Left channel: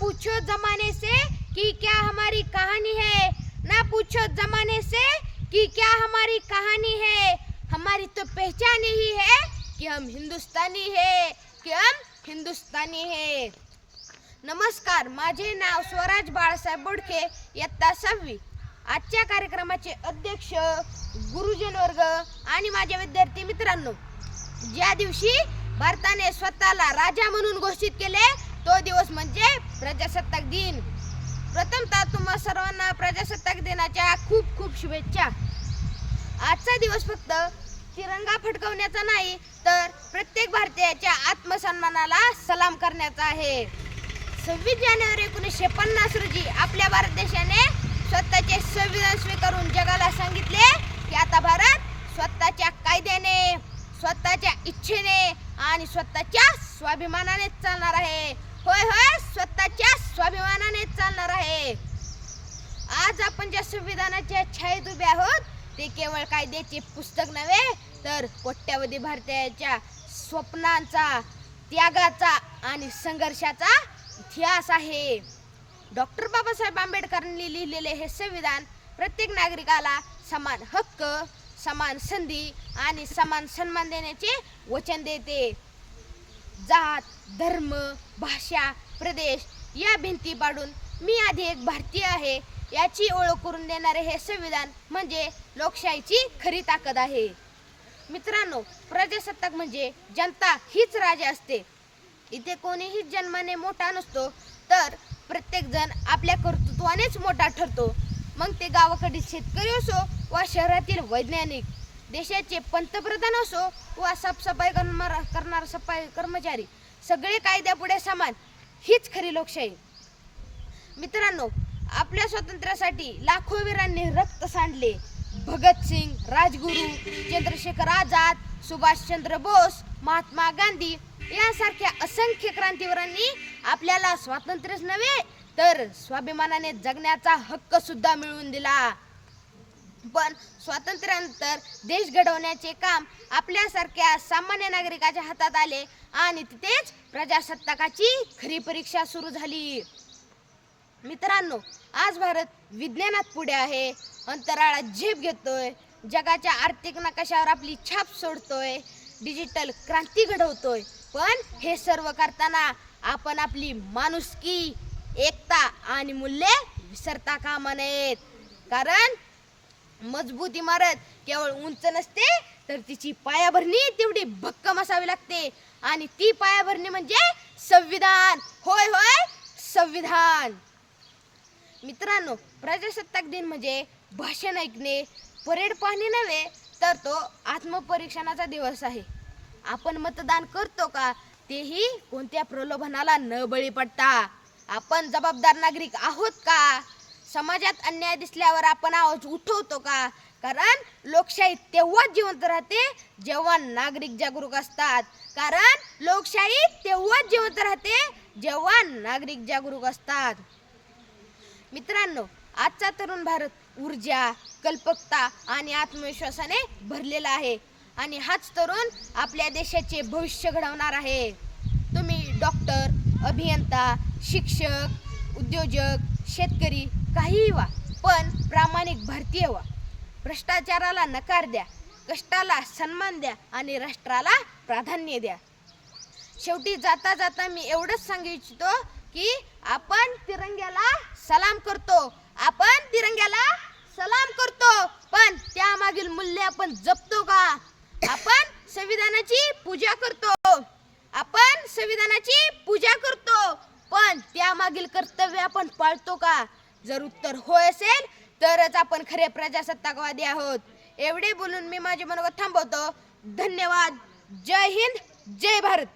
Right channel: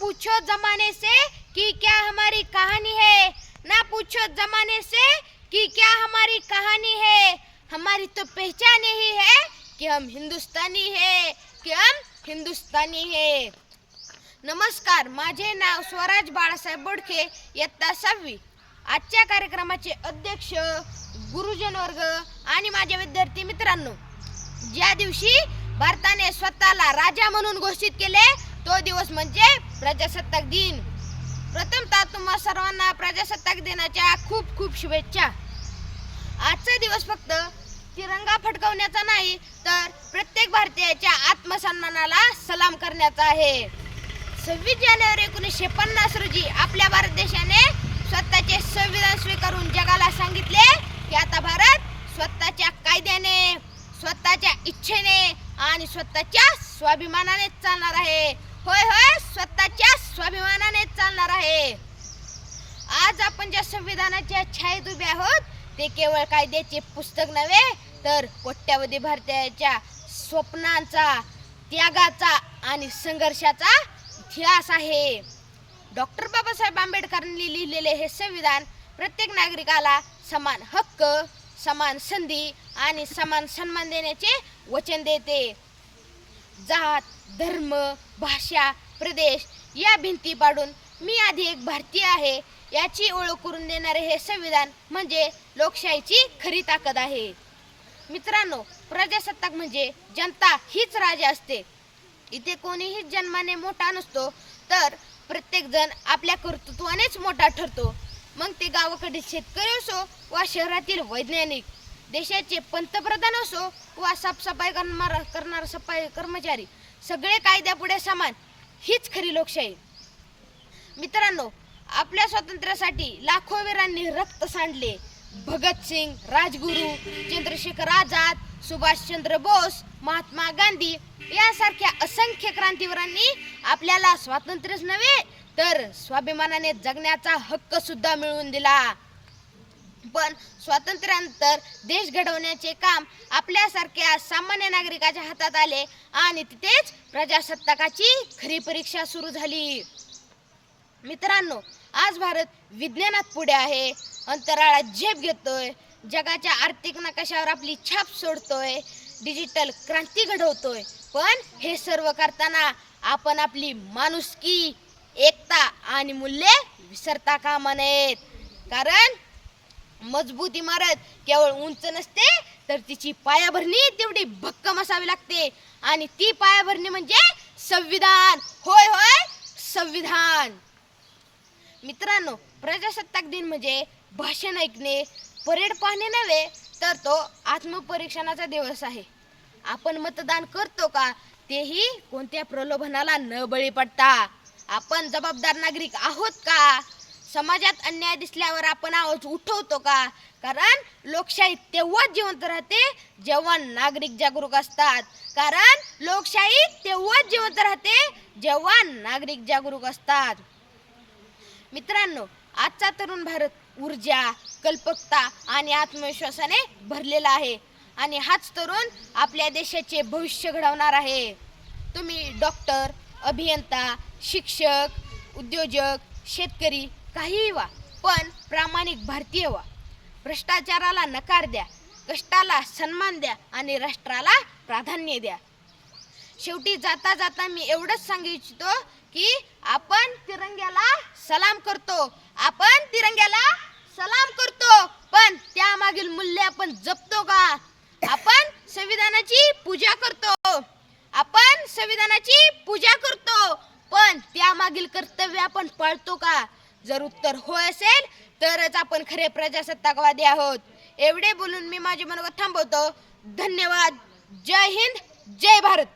पूछो जमाने से कि क्या हमारी कहानी है? ना पूछो जमाने से कि क्या हमारी कहानी है? हमारी तो पहचान ही है कि हम हिंदुस्तानी है कि हम हिंदुस्तानी है। नमस्कार माझे नाव स्वराज बाळासाहेब बोडखे इयत्ता सहावी. आजच्या कार्यक्रमाचे अध्यक्ष गुरुजन वर्ग आणि माझे विद्यार्थी मित्रांनो ज्या दिवशी भारताने स्वतःला राजा म्हणून घोषित केले तो दिवस म्हणजे प्रजासत्ताक दिन. प्रथमतः तुम्हा सर्वांना प्रजासत्ताक दिनाच्या खूप खूप शुभेच्छा. आजचा दिवस फक्त तिरंगा फडकवण्याचा नाही तर प्रत्येक भारतीयाच्या आत्मसन्मानाला सलाम करण्याचा आहे. सव्वीस जानेवारी एकोणीसशे पन्नास रोजी आपल्या भारत देशाने स्वतःचे संविधान स्वीकारून जगाला सांगितले की आता भारत स्वतःच्या कायद्याने स्वतःच्या इच्छेने आणि स्वतःच्या स्वाभिमानाने चालणार आहे. होय होय स्वतःच्या स्वाभिमानाने चालणार आहे. आज आपण ज्या संविधानाच्या छायेत उभे आहोत ते केवळ कायद्याचे पुस्तक नव्हे तर कोट्यावधी भारतीयाच्या स्वप्नांचा त्यागाचा आणि संघर्षाचा इतिहास आहे. डॉक्टर बाबासाहेब आंबेडकरांनी लिहिलेले हे संविधान प्रत्येक नागरिकाला समान हक्क समान संधी आणि समान सन्मान देण्याचे वचन देते. जात धर्म भाषा प्रदेश या भिंती पाडून मी आधी एक भारतीय आहे. याची ओळख करून देणारे हे संविधान म्हणजे लोकशाहीची खरी ताकद आहे. मित्रांनो प्रजासत्ताक म्हणजे जनता हीच राजा असते. इथे कोणीही जन्माने मोठा नसतो तर प्रत्येक जण आपल्या कर्तृत्वानेच मोठा ठरतो. मग ते गावाकडील शेतकरी असो वा शहरातील वैज्ञानिक देशाचे पंतप्रधान असो वा साफसफाई करणार करणार सफाई कर्मचारी सगळे कायद्यापुढे समान हीच खरी लोकशाही. मित्रांनो आपल्या स्वातंत्र्यासाठी लाखो वीरांनी रक्त सांडले. भगतसिंग राजगुरू चंद्रशेखर आझाद सुभाषचंद्र बोस महात्मा गांधी यासारख्या असंख्य क्रांतीवीरांनी आपल्याला स्वातंत्र्यच नव्हे तर स्वाभिमानाने जगण्याचा हक्क सुद्धा मिळवून दिला. पण स्वातंत्र्यानंतर देश घडवण्याचे काम आपल्यासारख्या सामान्य नागरिकाच्या हातात आले आणि तिथेच प्रजासत्ताकाची खरी परीक्षा सुरू झाली. मित्रांनो आज भारत विज्ञानात पुढे आहे. अंतराळात झेप घेतोय. जगाच्या आर्थिक नकाशावर आपली छाप सोडतोय. डिजिटल क्रांती घडवतोय. पण हे सर्व करताना आपण आपली माणुसकी एकता आणि मूल्ये विसरता कामा नयेत. कारण मजबूत इमारत केवळ उंच नसते तर तिची पायाभरणी तेवढी भक्कम असावी लागते. आणि ती पायाभरणी म्हणजे संविधान. होय होय संविधान. मित्रांनो प्रजासत्ताक दिन म्हणजे भाषण ऐकणे परेड पाहणे नव्हे तर तो आत्मपरीक्षणाचा दिवस आहे. आपण मतदान करतो का तेही कोणत्या प्रलोभनाला न बळी पडता. आपण जबाबदार नागरिक आहोत का? समाजात अन्याय दिसल्यावर आपण आवाज उठवतो का? कारण लोकशाही तेव्हाच जिवंत राहते जेव्हा नागरिक जागरूक असतात. कारण लोकशाही तेव्हाच जिवंत राहते जेव्हा नागरिक जागरूक असतात. मित्रांनो आजचा तरुण भारत ऊर्जा कल्पकता आणि आत्मविश्वासाने भरलेला आहे आणि हाच तरुण आपल्या देशाचे भविष्य घडवणार आहे. तुम्ही डॉक्टर अभियंता शिक्षक उद्योजक शेतकरी काहीही व्हा पण प्रामाणिक भारतीय व्हा. भ्रष्टाचाराला नकार द्या कष्टाला सन्मान द्या आणि राष्ट्राला प्राधान्य द्या. शेवटी जाता जाता मी एवढंच सांगू इच्छितो की आपण तिरंग्याला सलाम करतो. आपण तिरंग्याला सलाम करतो पण त्यामागील मूल्य आपण जपतो का? आपण संविधानाची पूजा करतो. आपण संविधानाची पूजा करतो पण त्यामागील कर्तव्य आपण पाळतो का? जर उत्तर होय असेल तरच आपण खरे प्रजासत्ताकवादी आहोत. एवढे बोलून मी माझे मनोगत थांबवतो. धन्यवाद. जय हिंद. जय भारत.